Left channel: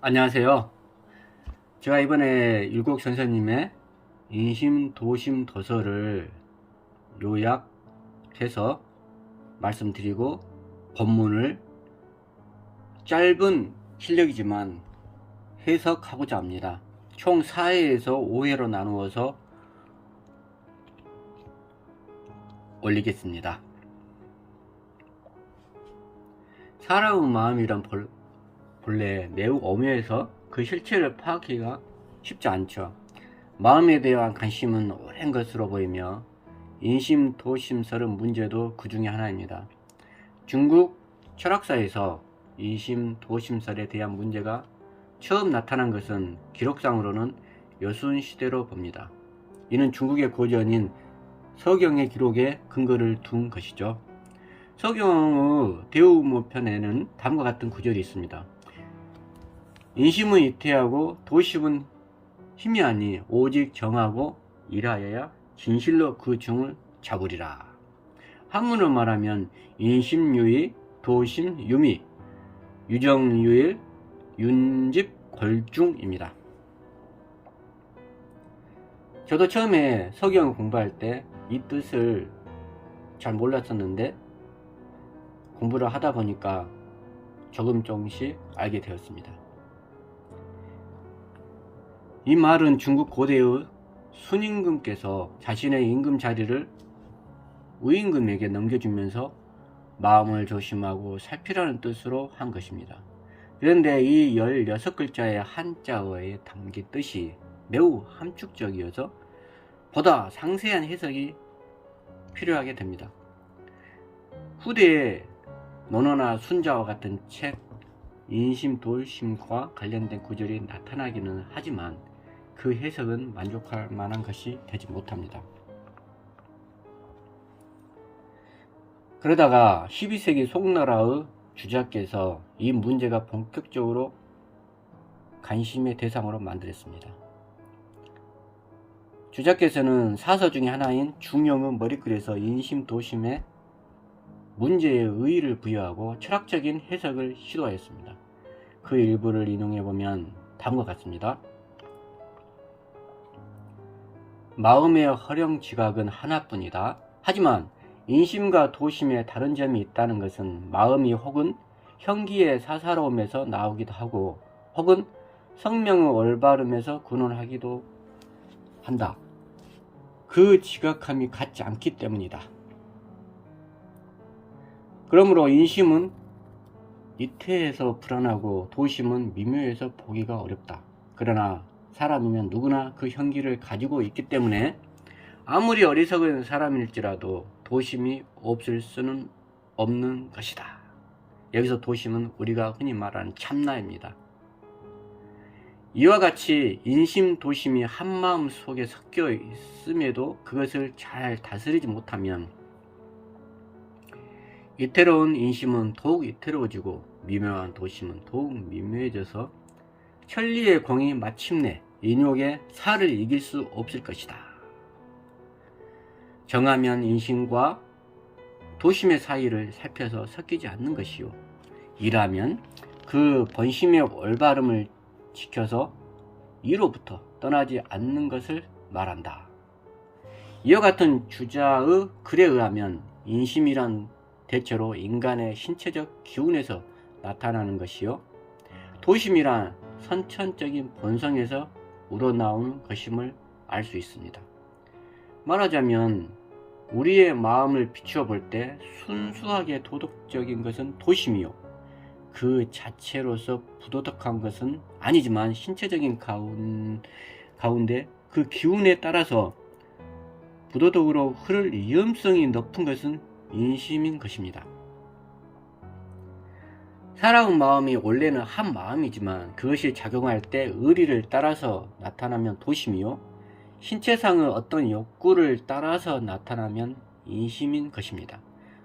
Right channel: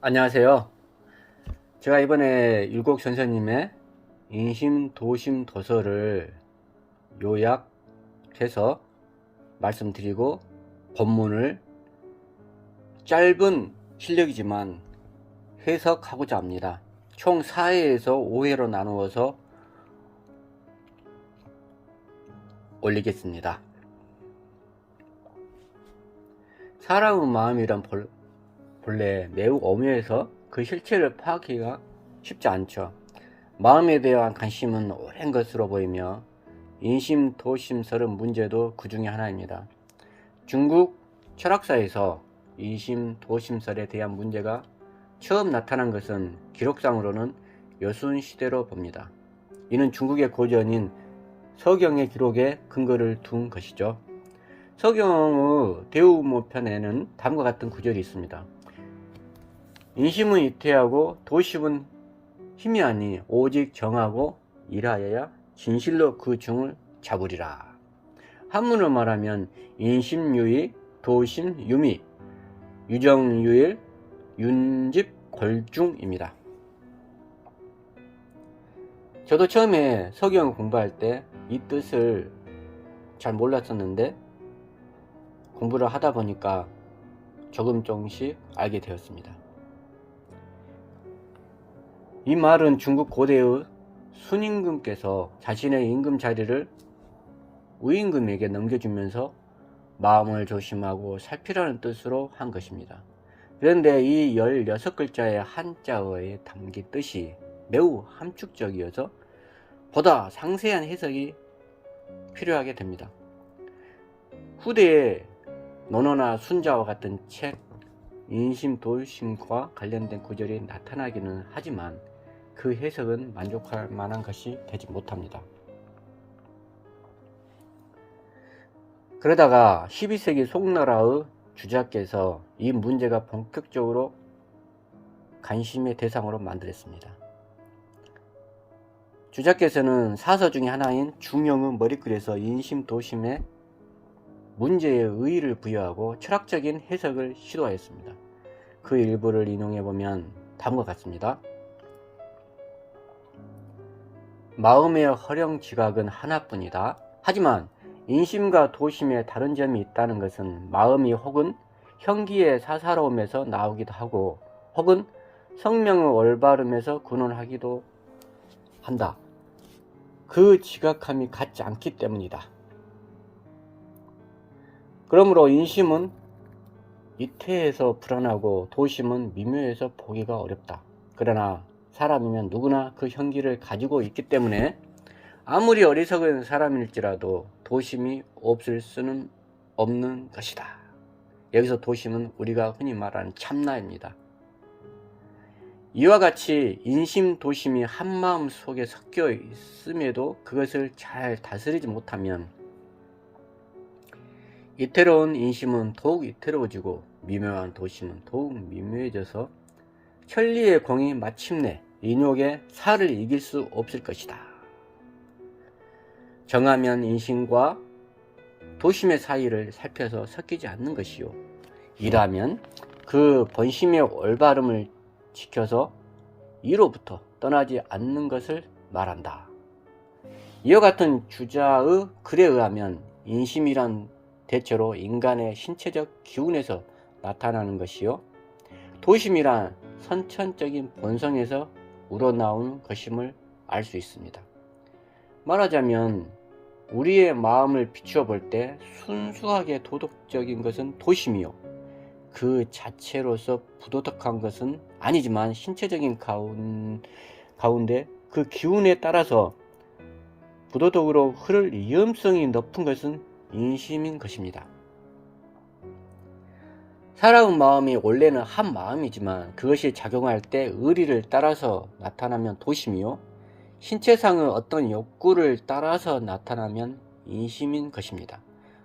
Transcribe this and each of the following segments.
안녕하세요. 제가 이번에 율곡 선생님의 인심 도심 도서를 요약해서 말씀드리고 본문을 짧은 실력이지만 해석하고자 합니다. 총 4회에서 5회로 나누어서 올리겠습니다. 사람의 마음이란 본래 매우 오묘해서 그 실체를 파악하기가 쉽지 않죠. 마음에 대한 관심은 오랜 것으로 보이며 인심도심설의 문제도 그 중에 하나입니다. 중국 철학사에서 인심도심설에 대한 문제가 처음 나타난 것은 기록상으로는 여순시대로 봅니다. 이는 중국의 고전인 서경의 기록에 근거를 둔 것이죠. 서경의 대우무편에는 다음과 같은 구절이 있습니다. 인심은 이태하고 도심은 힘이 아니 오직 정하고 일하여야 진실로 그 중을 잡으리라. 한문으로 말하면 인심유의 도심유미 유정유일 윤집골중입니다. 저도 처음에 서경 공부할 때 이 뜻을 잘 몰랐었는데 공부를 하다 보니까 조금씩 알게 되었습니다. 이 말은 중국 고대의 순임금께서 자신의 임금 자리를 우임금에게 넘겨주면서 마음을 조심하고 살피라는 뜻으로 한 것입니다. 그런데 이 16글자의 한자어에 담긴 뜻이 매우 함축적이어서 보다 상세한 해석이 필요하게 됩니다. 후대에 논어나 순자와 같은 책 인심도심과 관련된 구절이 나타나기는 하지만 그 해석은 만족할 만한 것이 되지 못합니다. 그러다가 12세기 송나라의 주자께서 이 문제가 본격적으로 관심의 대상으로 만들었습니다. 주자께서는 사서 중에 하나인 중용의 머리글에서 인심도심에 문제의 의의를 부여하고 철학적인 해석을 시도하였습니다. 그 일부를 인용해보면 다음과 같습니다. 마음의 허령 지각은 하나뿐이다. 하지만 인심과 도심에 다른 점이 있다는 것은 마음이 혹은 형기의 사사로움에서 나오기도 하고 혹은 성명의 올바름에서 근원하기도 한다. 그 지각함이 같지 않기 때문이다. 그러므로 인심은 이태해서 불안하고 도심은 미묘해서 보기가 어렵다. 그러나 사람이면 누구나 그 형기를 가지고 있기 때문에 아무리 어리석은 사람일지라도 도심이 없을 수는 없는 것이다. 여기서 도심은 우리가 흔히 말하는 참나입니다. 이와 같이 인심도심이 한마음 속에 섞여 있음에도 그것을 잘 다스리지 못하면 이태로운 인심은 더욱 이태로워지고 미묘한 도심은 더욱 미묘해져서 천리의 공이 마침내 인욕의 살을 이길 수 없을 것이다. 정하면 인심과 도심의 사이를 살펴서 섞이지 않는 것이요. 일하면 그 본심의 올바름을 지켜서 이로부터 떠나지 않는 것을 말한다. 이와 같은 주자의 글에 의하면 인심이란 대체로 인간의 신체적 기운에서 나타나는 것이요. 도심이란 선천적인 본성에서 우러나오는 것임을 알 수 있습니다. 말하자면 우리의 마음을 비추어 볼 때 순수하게 도덕적인 것은 도심이요. 그 자체로서 부도덕한 것은 아니지만 신체적인 가운데 그 기운에 따라서 부도덕으로 흐를 위험성이 높은 것은 인심인 것입니다. 사람의 마음이 원래는 한 마음이지만 그것이 작용할 때 의리를 따라서 나타나면 도심이요. 신체상의 어떤 욕구를 따라서 나타나면 인심인 것입니다.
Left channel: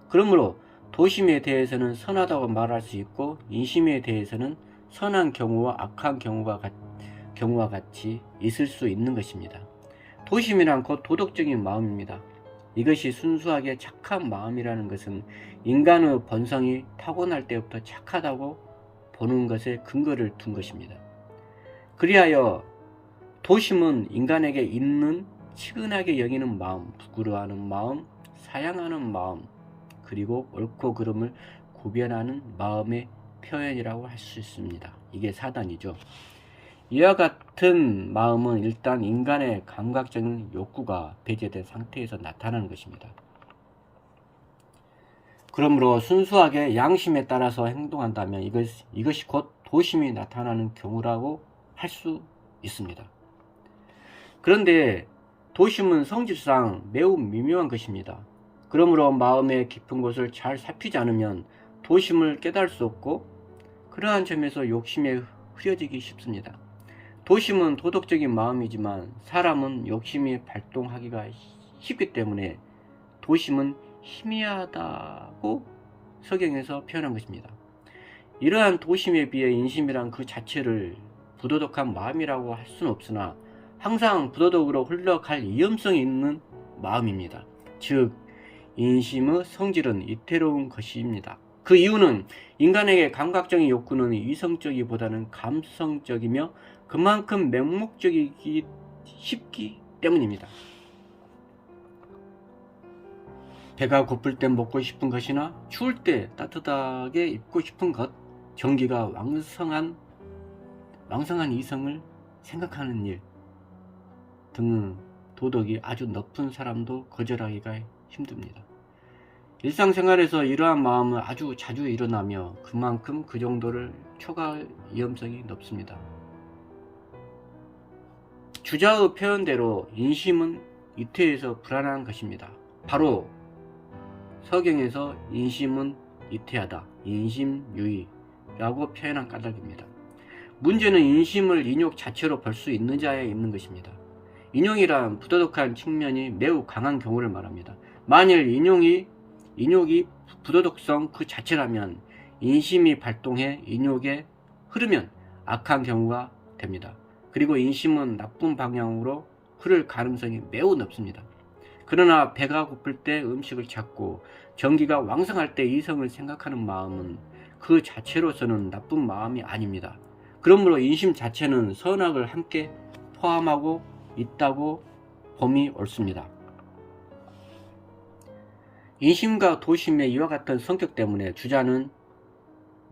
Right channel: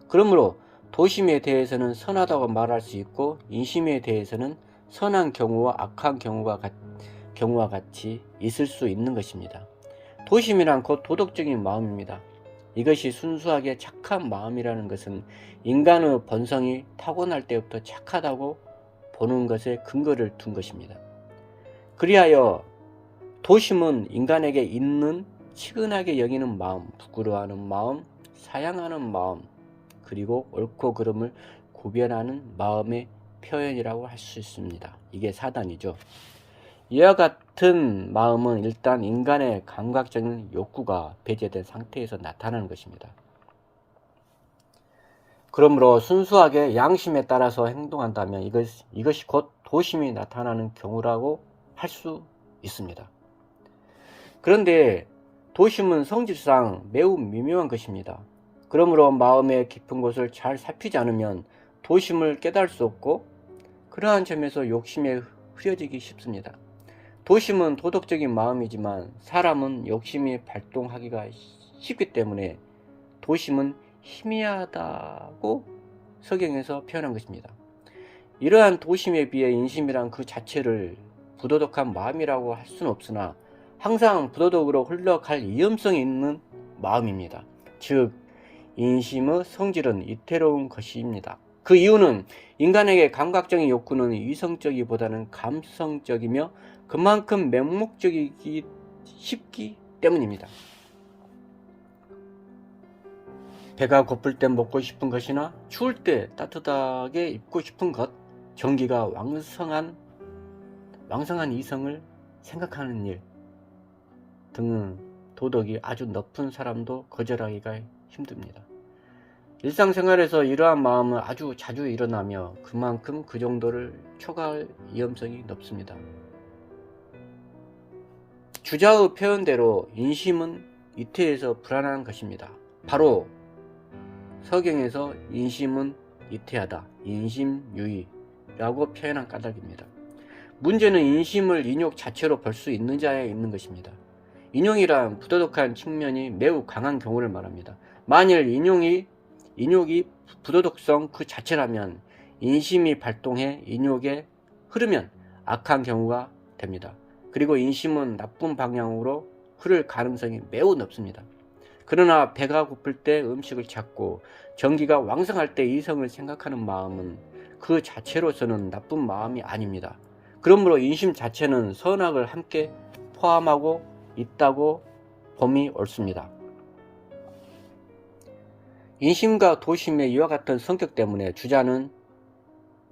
그러므로 도심에 대해서는 선하다고 말할 수 있고 인심에 대해서는 선한 경우와 악한 경우와 같이 있을 수 있는 것입니다. 도심이란 곧 도덕적인 마음입니다. 이것이 순수하게 착한 마음이라는 것은 인간의 본성이 타고날 때부터 착하다고 보는 것에 근거를 둔 것입니다. 그리하여 도심은 인간에게 있는 치근하게 여기는 마음, 부끄러워하는 마음, 사양하는 마음, 그리고 옳고 그름을 구별하는 마음의 표현이라고 할 수 있습니다. 이게 사단이죠. 이와 같은 마음은 일단 인간의 감각적인 욕구가 배제된 상태에서 나타나는 것입니다. 그러므로 순수하게 양심에 따라서 행동한다면 이것이 곧 도심이 나타나는 경우라고 할 수 있습니다. 그런데 도심은 성질상 매우 미묘한 것입니다. 그러므로 마음의 깊은 곳을 잘 살피지 않으면 도심을 깨달을 수 없고 그러한 점에서 욕심에 흐려지기 쉽습니다. 도심은 도덕적인 마음이지만 사람은 욕심이 발동하기가 쉽기 때문에 도심은 희미하다고 성경에서 표현한 것입니다. 이러한 도심에 비해 인심이란 그 자체를 부도덕한 마음이라고 할 수는 없으나 항상 부도덕으로 흘러갈 위험성이 있는 마음입니다. 즉 인심의 성질은 이태로운 것입니다. 그 이유는 인간에게 감각적인 욕구는 이성적이보다는 감성적이며 그만큼 맹목적이기 쉽기 때문입니다. 배가 고플 때 먹고 싶은 것이나 추울 때 따뜻하게 입고 싶은 것, 정기가 왕성한 이성을 생각하는 일 등은 도덕이 아주 높은 사람도 거절하기가 힘듭니다. 일상생활에서 이러한 마음은 아주 자주 일어나며 그만큼 그 정도를 초과할 위험성이 높습니다. 주자의 표현대로 인심은 이태에서 불안한 것입니다. 바로 서경에서 인심은 이태하다, 인심유의라고 표현한 까닭입니다. 문제는 인심을 인욕 자체로 볼 수 있는 자에 있는 것입니다. 인욕이란 부도덕한 측면이 매우 강한 경우를 말합니다. 만일 인욕이 부도덕성 그 자체라면 인심이 발동해 인욕에 흐르면 악한 경우가 됩니다. 그리고 인심은 나쁜 방향으로 흐를 가능성이 매우 높습니다. 그러나 배가 고플 때 음식을 찾고 정기가 왕성할 때 이성을 생각하는 마음은 그 자체로서는 나쁜 마음이 아닙니다. 그러므로 인심 자체는 선악을 함께 포함하고 있다고 봄이 옳습니다. 인심과 도심의 이와 같은 성격 때문에 주자는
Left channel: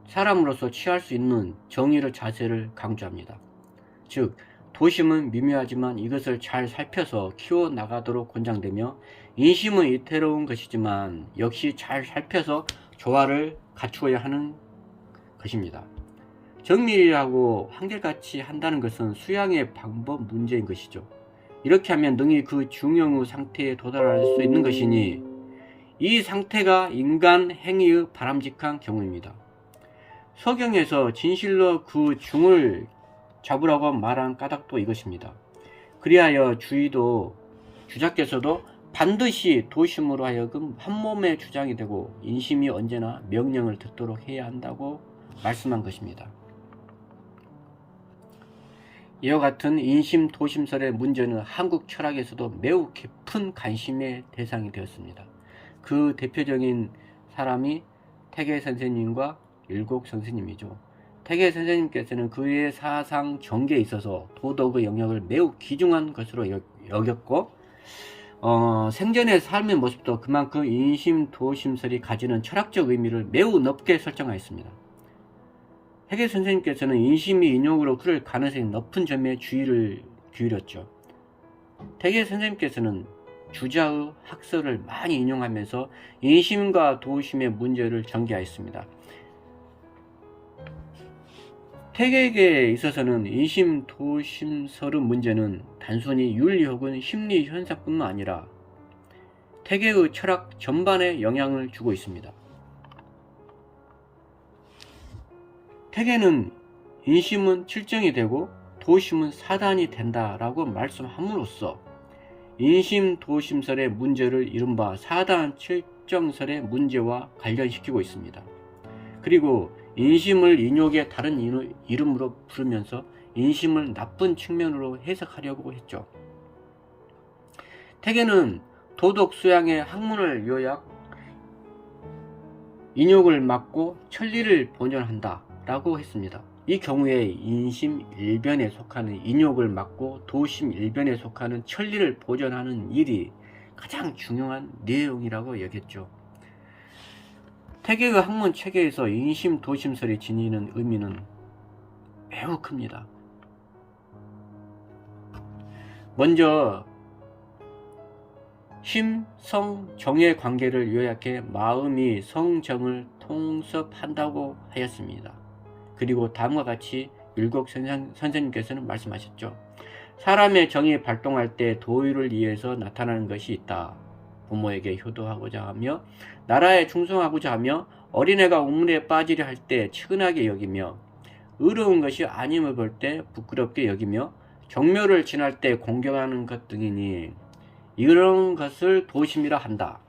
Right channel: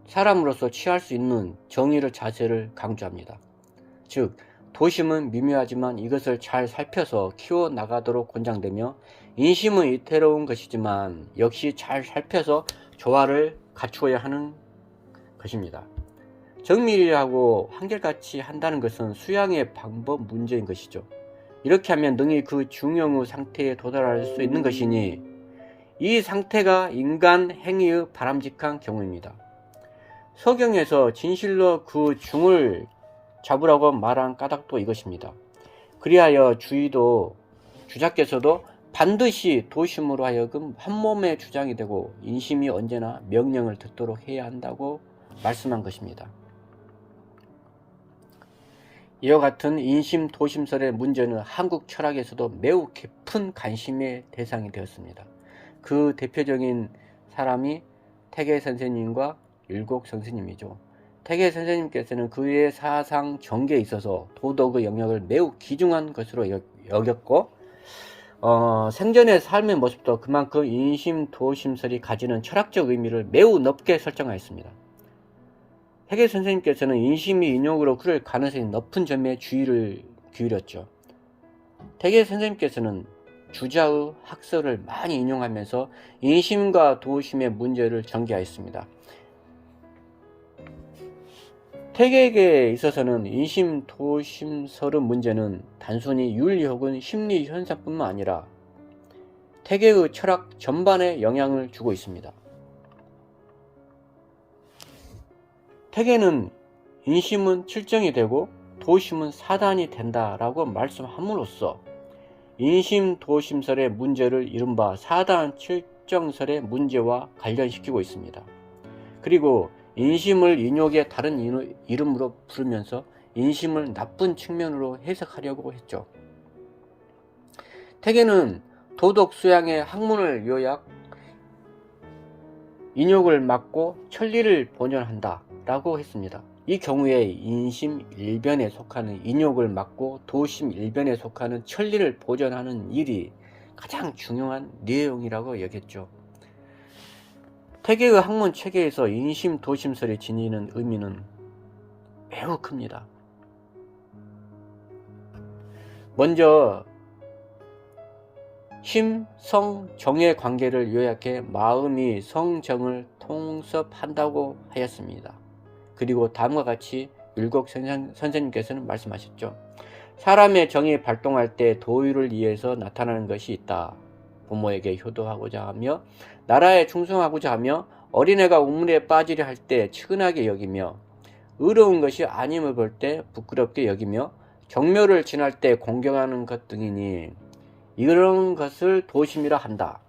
사람으로서 취할 수 있는 정의의 자세를 강조합니다. 즉 도심은 미묘하지만 이것을 잘 살펴서 키워나가도록 권장되며 인심은 이태로운 것이지만 역시 잘 살펴서 조화를 갖추어야 하는 것입니다. 정밀하고 한결같이 한다는 것은 수양의 방법 문제인 것이죠. 이렇게 하면 능히 그 중용의 상태에 도달할 수 있는 것이니 이 상태가 인간 행위의 바람직한 경우입니다. 서경에서 진실로 그 중을 잡으라고 말한 까닭도 이것입니다. 그리하여 주자께서도 반드시 도심으로 하여금 한 몸의 주장이 되고 인심이 언제나 명령을 듣도록 해야 한다고 말씀한 것입니다. 이와 같은 인심 도심설의 문제는 한국 철학에서도 매우 깊은 관심의 대상이 되었습니다. 그 대표적인 사람이 태계 선생님과 율곡 선생님이죠. 태계 선생님께서는 그의 사상 전개에 있어서 도덕의 영역을 매우 귀중한 것으로 여겼고 생전의 삶의 모습도 그만큼 인심 도심설이 가지는 철학적 의미를 매우 높게 설정하였습니다. 태계 선생님께서는 인심이 인욕으로 흐를 가능성이 높은 점에 주의를 기울였죠. 태계 선생님께서는 주자의 학설을 많이 인용하면서 인심과 도심의 문제를 전개하였습니다. 태계에 있어서는 인심 도심설의 문제는 단순히 윤리 혹은 심리 현상뿐만 아니라 태계의 철학 전반에 영향을 주고 있습니다. 태계는 인심은 칠정이 되고 도심은 사단이 된다라고 말씀함으로써 인심 도심설의 문제를 이른바 사단 칠정설의 문제와 관련시키고 있습니다. 그리고 인심을 인욕의 다른 이름으로 부르면서 인심을 나쁜 측면으로 해석하려고 했죠. 태계는 도덕 수양의 학문을 요약, 인욕을 막고 천리를 본연한다 라고 했습니다. 이 경우에 인심 일변에 속하는 인욕을 막고 도심 일변에 속하는 천리를 보존하는 일이 가장 중요한 내용이라고 여겼죠. 태계의 학문 체계에서 인심 도심설이 지니는 의미는 매우 큽니다. 먼저 심, 성, 정의 관계를 요약해 마음이 성정을 통섭한다고 하였습니다. 그리고 다음과 같이 율곡 선생님께서는 말씀하셨죠. 사람의 정이 발동할 때 도의를 위해서 나타나는 것이 있다. 부모에게 효도하고자 하며 나라에 충성하고자 하며 어린애가 우물에 빠지려 할 때 측은하게 여기며 의로운 것이 아님을 볼 때 부끄럽게 여기며 정묘를 지날 때 공경하는 것 등이니 이런 것을 도심이라 한다.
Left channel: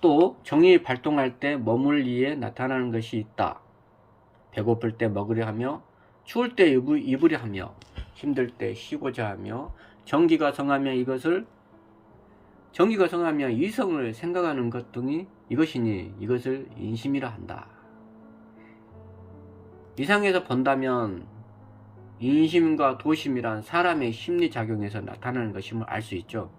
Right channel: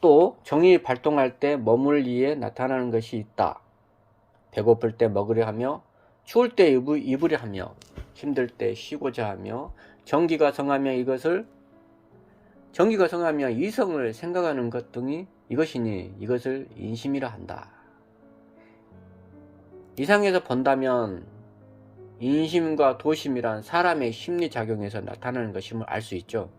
또 정이 발동할 때 머물 위에 나타나는 것이 있다. 배고플 때 먹으려 하며 추울 때 입으려 하며 힘들 때 쉬고자 하며 정기가 성하며 이성을 생각하는 것 등이 이것이니 이것을 인심이라 한다. 이상에서 본다면 인심과 도심이란 사람의 심리작용에서 나타나는 것임을 알 수 있죠.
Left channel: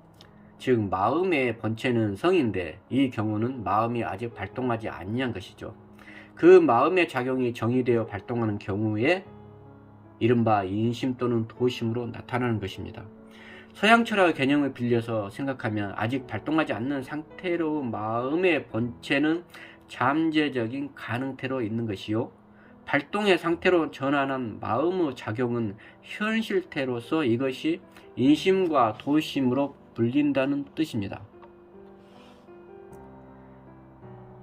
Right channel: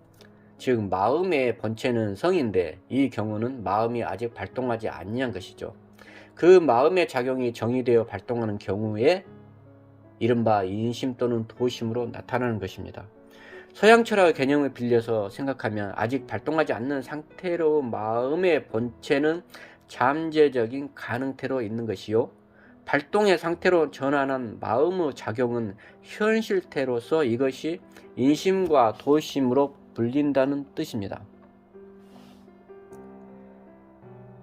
즉 마음의 본체는 성인데 이 경우는 마음이 아직 발동하지 아니한 것이죠. 그 마음의 작용이 정이 되어 발동하는 경우에 이른바 인심 또는 도심으로 나타나는 것입니다. 서양 철학의 개념을 빌려서 생각하면 아직 발동하지 않는 상태로 마음의 본체는 잠재적인 가능태로 있는 것이요, 발동의 상태로 전환한 마음의 작용은 현실태로서 이것이 인심과 도심으로 불린다는 뜻입니다.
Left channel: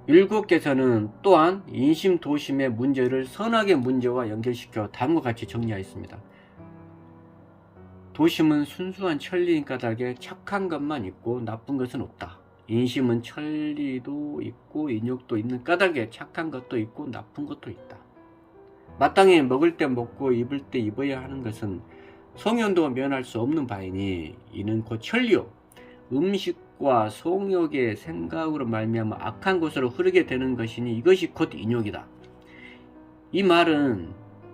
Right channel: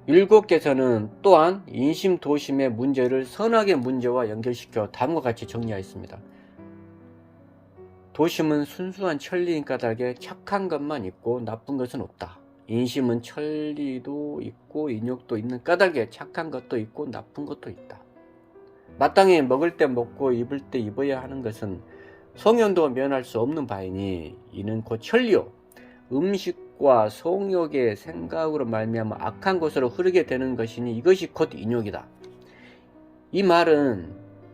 율곡께서는 또한 인심 도심의 문제를 선악의 문제와 연결시켜 다음과 같이 정리하였습니다. 도심은 순수한 천리인 까닭에 착한 것만 있고 나쁜 것은 없다. 인심은 천리도 있고 인욕도 있는 까닭에 착한 것도 있고 나쁜 것도 있다. 마땅히 먹을 때 먹고 입을 때 입어야 하는 것은 성현도 면할 수 없는 바이니 이는 곧 천리요, 음식과 성욕의 생각으로 말미암아 악한 곳으로 흐르게 되는 것이니 이것이 곧 인욕이다. 이 말은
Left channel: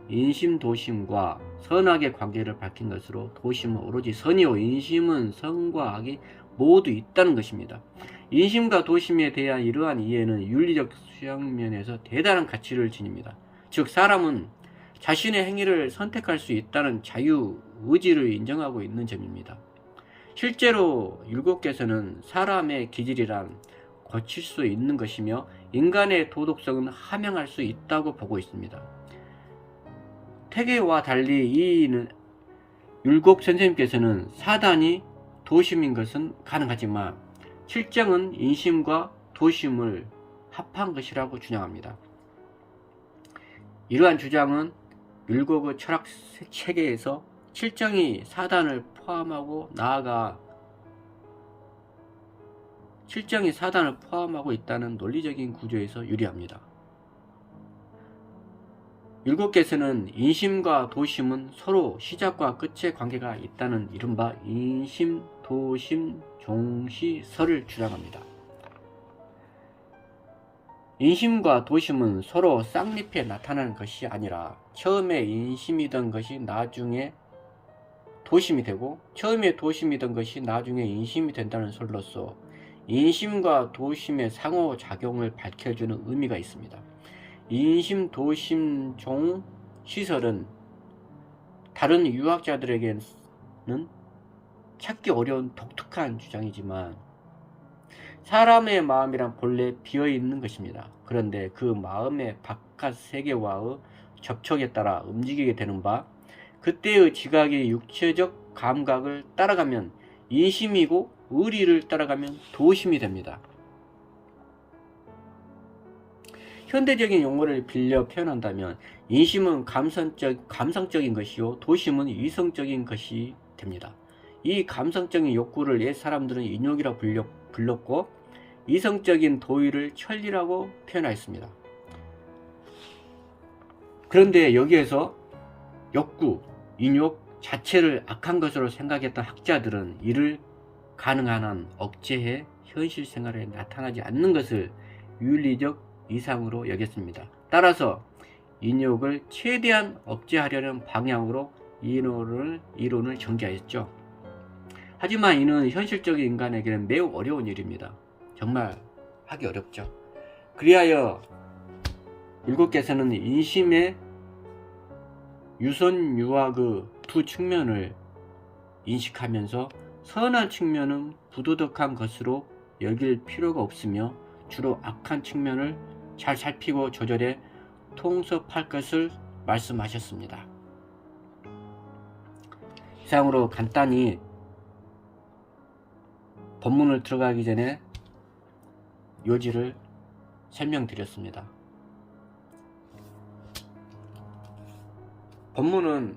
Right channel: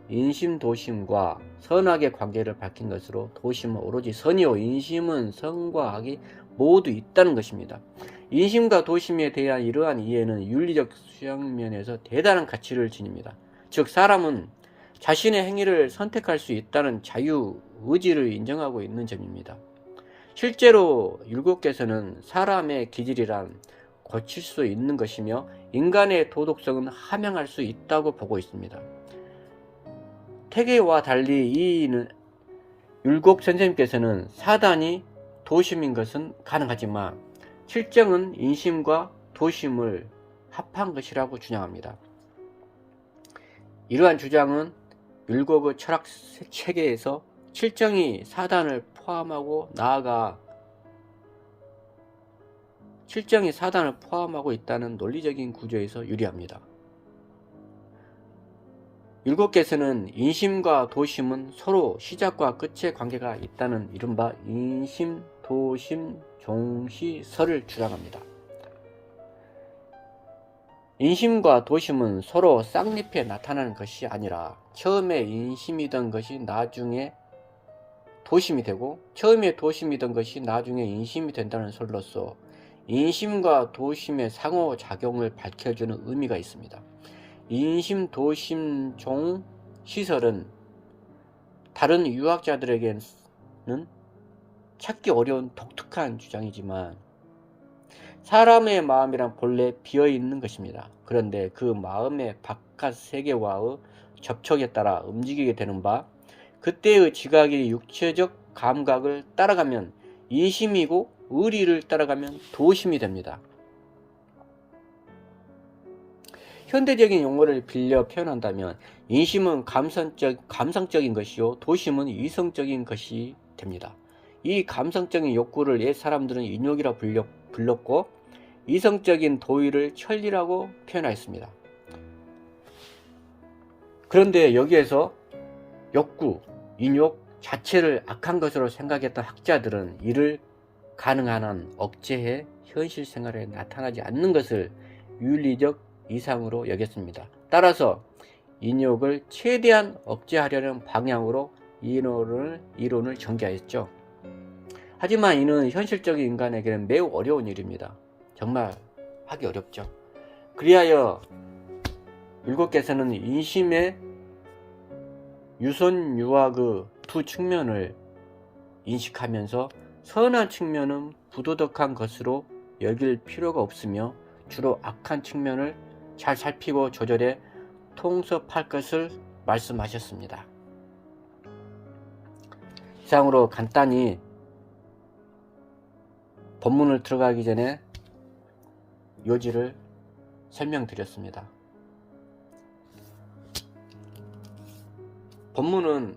인심 도심과 선악의 관계를 밝힌 것으로 도심은 오로지 선이요 인심은 선과 악이 모두 있다는 것입니다. 인심과 도심에 대한 이러한 이해는 윤리적 수양면에서 대단한 가치를 지닙니다. 즉 사람은 자신의 행위를 선택할 수 있다는 자유 의지를 인정하고 있는 점입니다. 실제로 율곡께서는 사람의 기질이란 고칠 수 있는 것이며 인간의 도덕성은 함양할 수 있다고 보고 있습니다. 태계와 달리 이 율곡 선생님께서는 사단이 도심인 것은 가능하지만 실정은 인심과 도심을 합한 것이라고 주장합니다. 이러한 주장은 율곡의 철학 체계에서 실정이 사단을 포함하고 나아가 실정이 사단을 포함하고 있다는 논리적인 구조에서 유리합니다. 율곡께서는 인심과 도심은 서로 시작과 끝의 관계가 있다는 이른바 인심, 도심, 종시설을 주장합니다. 인심과 도심은 서로 쌍립에 나타나는 것이 아니라 처음에 인심이던 것이 나중에 도심이 되고 처음에 도심이던 것이 나중에 인심이 된다는 설로서 인심과 도심의 상호작용을 밝혀주는 의미가 있습니다. 인심, 도심, 종, 시설은 다른 유학자들에게는 찾기 어려운 독특한 주장이지만 사람의 마음이란 본래 비어있는 것입니다. 그런데 그 마음의 바깥 세계와의 접촉에 따라 움직이게 되는 바 그때의 지각이 육체적 감각을 따라가면 인심이고 의리를 따라가면 도심이 됩니다. 현대적인 용어를 빌려 표현한다면 인심은 감성적인 것이요 도심은 이성적인 것이 됩니다. 이 감성적인 욕구를 옛 사람들은 인욕이라 불렀고 이성적인 도의를 천리라고 표현하였습니다. 그런데 여기에서 욕구, 인욕 자체를 악한 것으로 생각했던 학자들은 이를 가능한 한 억제해 현실 생활에 나타나지 않는 것을 윤리적 이상으로 여겼습니다. 따라서 인욕을 최대한 억제하려는 방향으로 이론을 전개하였죠. 하지만 이는 현실적인 인간에게는 매우 어려운 일입니다. 정말 하기 어렵죠. 그리하여 율곡께서는 인심의 유선유악의 두 측면을 인식하면서 선한 측면은 부도덕한 것으로 여길 필요가 없으며 주로 악한 측면을 잘 살피고 조절해 통섭할 것을 말씀하셨습니다. 이상으로 간단히 본문을 들어가기 전에 요지를 설명드렸습니다. 본문은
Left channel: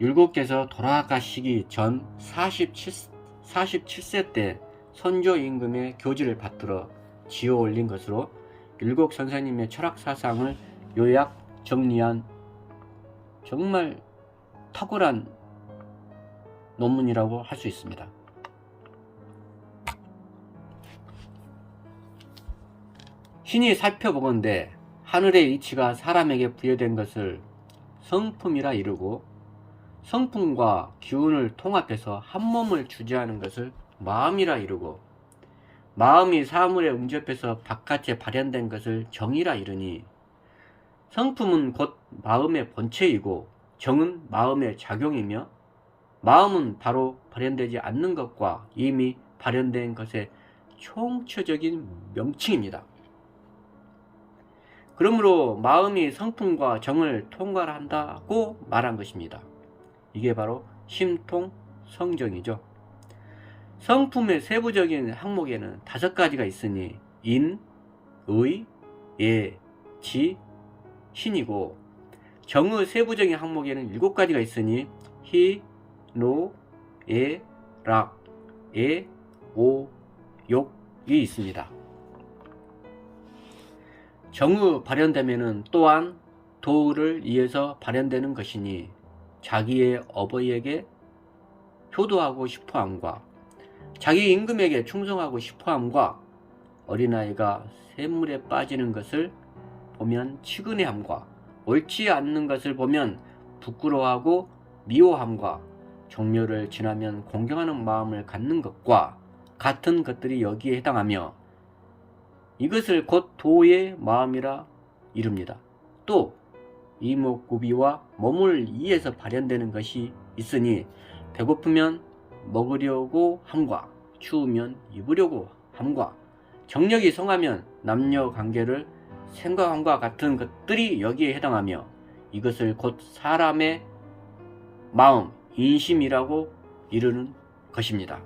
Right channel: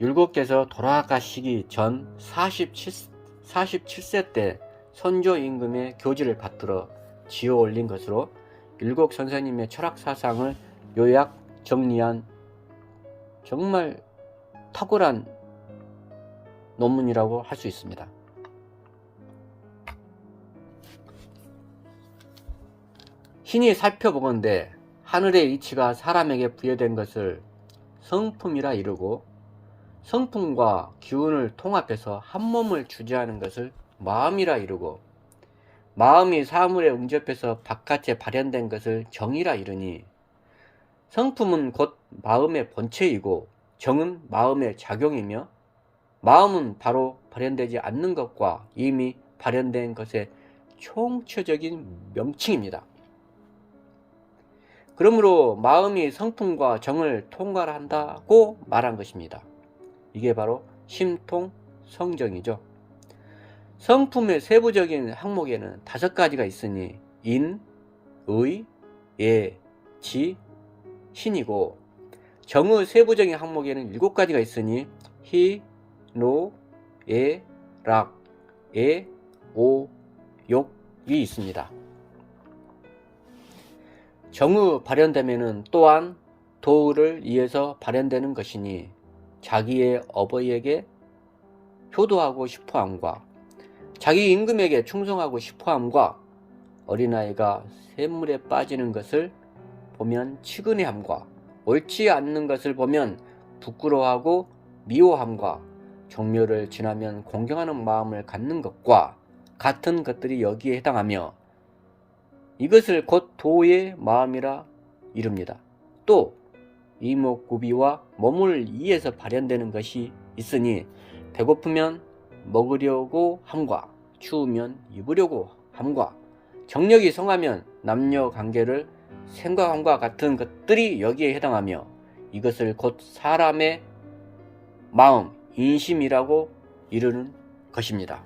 율곡께서 돌아가시기 전 47세 때 선조 임금의 교지를 받들어 지어 올린 것으로 율곡 선생님의 철학 사상을 요약 정리한 정말 탁월한 논문이라고 할 수 있습니다. 신이 살펴보건대 하늘의 이치가 사람에게 부여된 것을 성품이라 이르고 성품과 기운을 통합해서 한 몸을 주재하는 것을 마음이라 이르고 마음이 사물에 응접해서 바깥에 발현된 것을 정이라 이르니 성품은 곧 마음의 본체이고 정은 마음의 작용이며 마음은 바로 발현되지 않는 것과 이미 발현된 것의 총체적인 명칭입니다. 그러므로 마음이 성품과 정을 통괄한다고 말한 것입니다. 이게 바로 심통성정이죠. 성품의 세부적인 항목에는 5가지가 있으니 인, 의, 예, 지, 신이고 정의 세부적인 항목에는 7가지가 있으니 희, 노, 예, 락, 예, 오, 욕이 있습니다. 정의 발현되면은 또한 도를 위해서 발현되는 것이니 자기의 어버이에게 효도하고 싶어함과 자기 임금에게 충성하고 싶어함과 어린아이가 샘물에 빠지는 것을 보면 치근해함과 옳지 않는 것을 보면 부끄러워하고 미워함과 종묘를 지나면 공경하는 마음을 갖는 것과 같은 것들이 여기에 해당하며 이것을 곧 도의 마음이라 이릅니다. 또 이목구비와 몸을 이해해서 발현되는 것이 있으니 배고프면 먹으려고 함과 추우면 입으려고 함과 정력이 성하면 남녀 관계를 생각함과 같은 것들이 여기에 해당하며 이것을 곧 사람의 마음, 인심이라고 이르는 것입니다.